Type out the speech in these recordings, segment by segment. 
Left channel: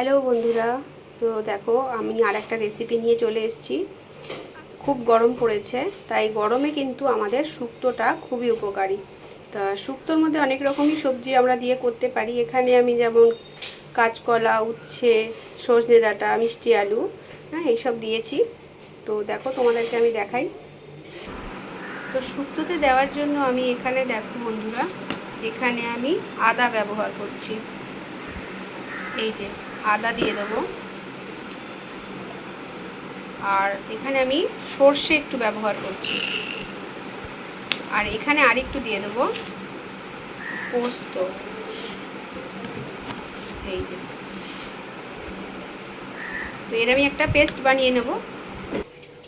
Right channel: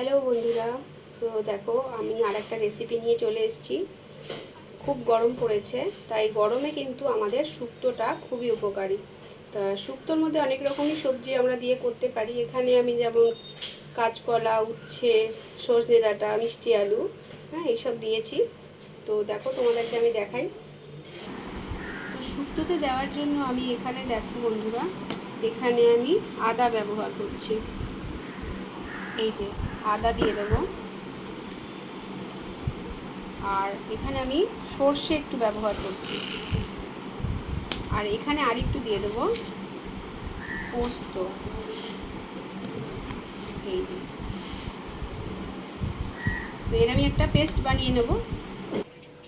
Hello বন্ধুরা, তো দেখো আমি আরেকটা রেসিপি নিয়ে চলে এসেছি। খুব গরম পড়েছে, তাই গরমে কিন্তু আমাদের শুক্তোটা খুবই উপকারী। তা শুক্তোর মধ্যে অনেক রকমই সবজি আমরা দিয়ে করতে পারি। এখানে আমি যেমন কাঁচকলা, উচ্ছে, সজনে ডাঁটা, মিষ্টি আলু, এইসব দিয়েছি। তো দেখো তোমাদেরকে আমি দেখাই। তো শুক্তোতে দেওয়ার জন্য আমি এখানে দেখো বন্ধুরা, এখানে আমি আদা ব্যবহার করছি। এই যে আদা দিয়ে দেবো। আর এখানে আমি সর্ষে একটু ব্যবহার করছি। আর এখানে আরেকটু দিয়ে দেবো পোস্ত। এই যে, তো এর আমি একটা পেস্ট বানিয়ে নেব।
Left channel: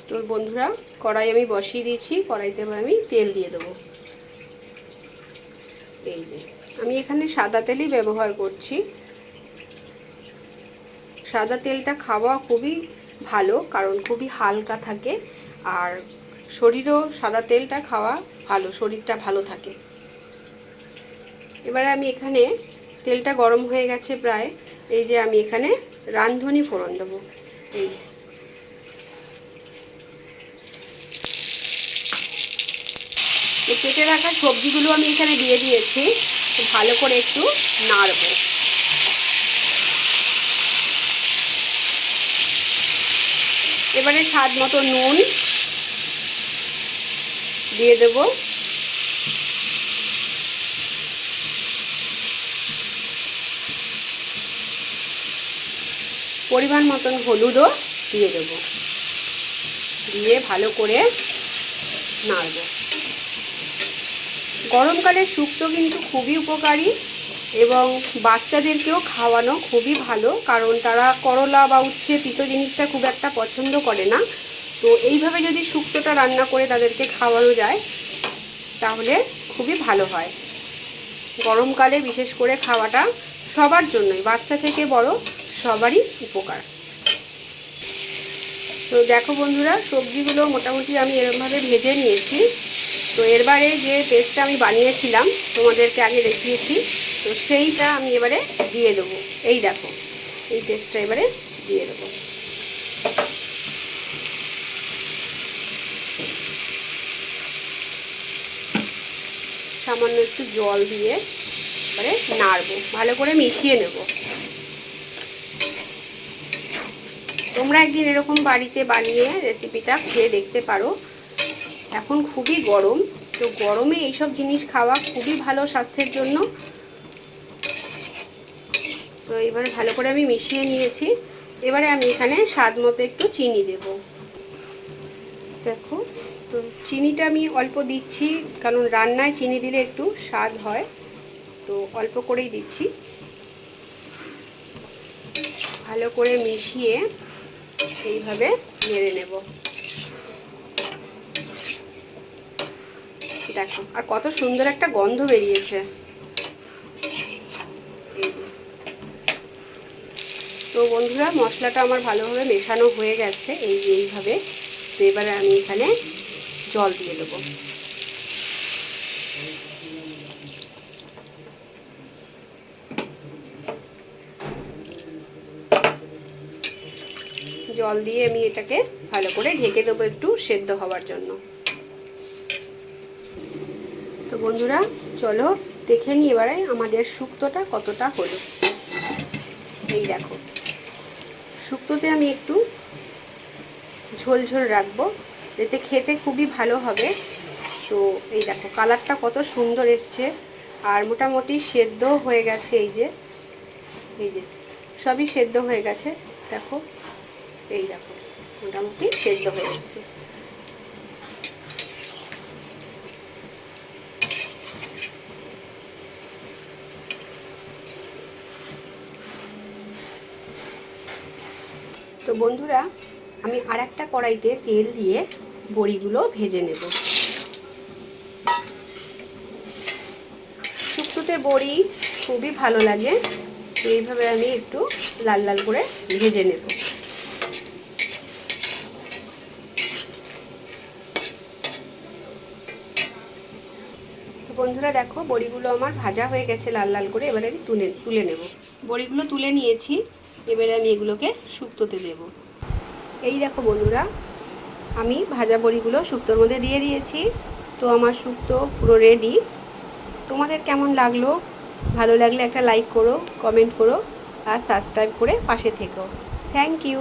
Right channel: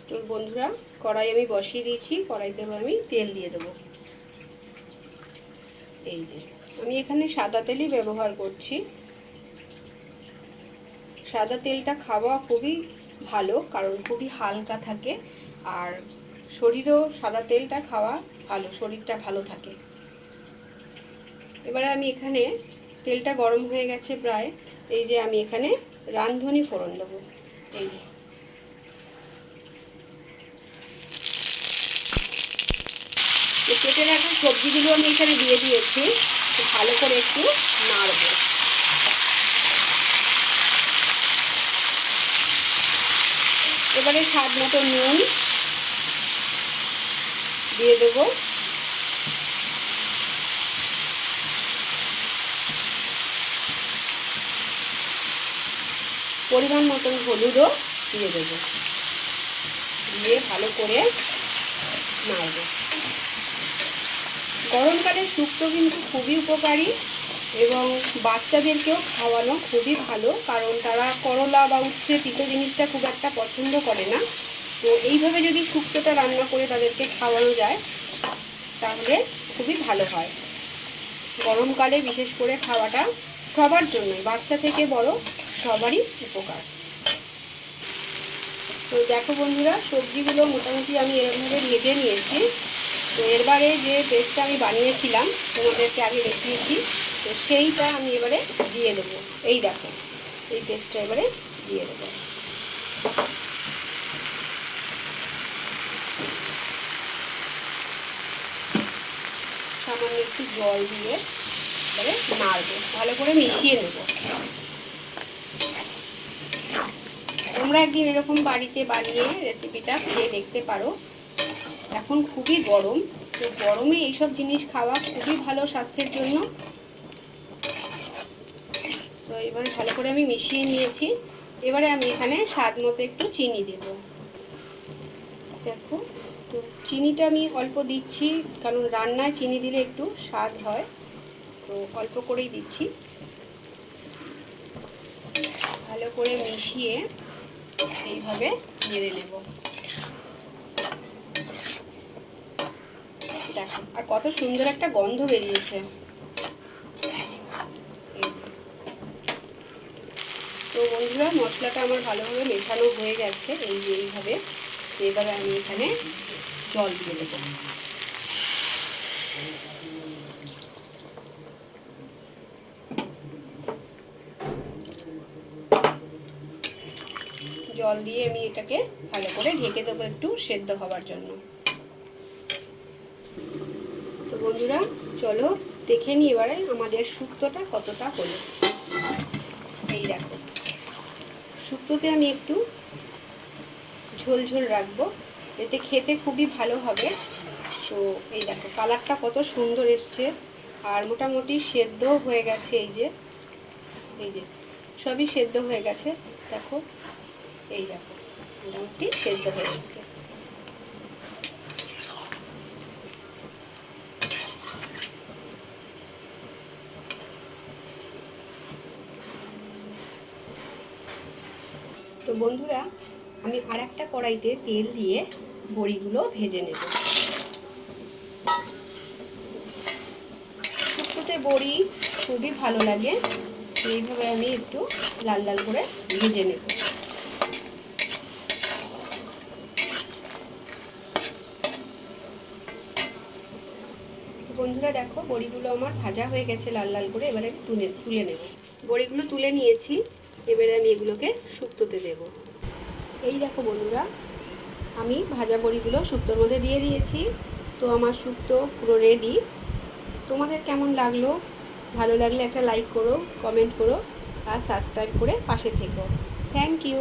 তো বন্ধুরা, কড়াই আমি বসিয়ে দিয়েছি। কড়াইতে আমি তেল দিয়ে দেবো। এই যে আমি এখানে সাদা তেলই ব্যবহার করছি। সাদা তেলটা খাওয়া খুবই ভালো, কারণ খুবই হালকা থাকে। আর শরীরও সাদা তেলটা খাওয়া ভালো, শরীরটা ভালো থাকে। এবারে আমি এখানে তেলটা গরম হয়ে গেছে প্রায়। এই যে আমি এখানে রাঁধুনি ফোড়ন দেবো। এই কেটে রাখা সবজিগুলো আমি এখানে দিয়ে দিয়েছি। ভালো করে একটু নাড়ব। এবারে স্বাদ মতো নুন দিয়ে দেব। পরিমাণ মতন হলুদও দিয়ে দেব। দিয়ে ভালো করে নাড়ব। গরমকালে শুক্তো কিন্তু খুবই উপকারী এবং বাচ্চাদেরকেও খাওয়ানো খুবই ভালো, কারণ তারা করলা বা উচ্ছে তিতো জিনিসটা খুব একটা পছন্দ করে না। তো এইভাবে যদি শুক্তোটা রান্না করে তাদেরকে খাওয়ানো যায় তাহলে খুবই ভালো হয়। গরমকালে বিশেষ করে খাওয়াটা সবার জন্যই, বাচ্চা থেকে বড় সবারই উপকার। তো দেখো বন্ধুরা, সবজিগুলো মোটামুটি আমি এরকমভাবে ভেজে নিয়েছি। তো এরবারে যে পেস্টটা আমি বানিয়েছিলাম, তোমাদেরকে আগে দেখিয়েছি, তো সেইটা আমি এবারে দিয়ে দেবো। এই দেখো, এই পেস্টটা এবারে দিয়ে দেবো। সামান্য একটু জল দিয়ে এবারে নাড়বো, ভালো করে মিশিয়ে নেব। তোমরা একদিন এরকম বাড়িতে বানিয়ে রেসিপিটা খেয়ে দেখতে পারো। এখন খুবই গরম, তো গরমে এইসব জিনিস খাওয়া খুবই ভালো স্বাস্থ্যের জন্য। তো এবারে ভালো করে আমি মিশিয়ে নিয়েছি। এবারে আমি এখানে স্বাদ মতো একটু চিনি দেব। দেখো, তো চিনিটা আমি অল্প দিচ্ছি, কারণ রান্নায় চিনি দিলে একটু স্বাদ হয়, তো অল্প করেই দিচ্ছি। ভালো করে মিশিয়ে এইভাবে নেড়ে নেব। দেখো, আর কত সুন্দর একটা গন্ধ বেরিয়েছে। তো বন্ধুরা, মশলাটা আমার ভালোভাবে মেশানো হয়ে গেছে এইভাবে। তো এবারে আমি এখানে জল দিয়ে দেবো। জল দিয়ে আমি এটাকে ভালো করে ঢেকে দেবো একটু সেদ্ধ হওয়ার জন্য। তো বন্ধুরা, চলো দেখে নিই এবারে আমাদের শুক্তোটা কতটা হলো। এই দেখো, শুক্তোতে আমি একটু ঝোল ঝোল রাখবো, এতে খেতে খুবই ভালো হবে। তো এই দেখো, কালারটা কত সুন্দর এসছে, আর মোটামুটি সেদ্ধ হয়ে গেছে। এই যে সবই সেদ্ধ হয়ে গেছে। দেখো, এই দেখো, মোটামুটি সেদ্ধ হয়ে এসছে। তো বন্ধুরা, আমি আরেকটা কড়াইতে তেল দিয়ে বড়িগুলো ভেজে নেব। শুক্তোতে বড়ি খুবই ভালো লাগে, এইভাবে আমি একটু লাল লাল করে ভেজে নেব। তো বন্ধুরা দেখো, বড়িগুলো আমার ভাজা হয়ে গেছে লাল লাল করে। এবারে আমি তুলে নেব। বড়িগুলো তুলে নিয়েছি। এবারে আমি এগুলোকে শুক্তোতে দেব। এই দেখো বন্ধুরা, আমি ভাজা বড়িগুলো শুক্তোর মধ্যে দিয়ে দিয়েছি। তো আমার শুক্তো পুরো রেডি। তোমাদের কেমন লাগলো? ভালো লাগলে একটা লাইক করো, কমেন্ট করো আর সাবস্ক্রাইব করে পাশে থেকো। Thank you.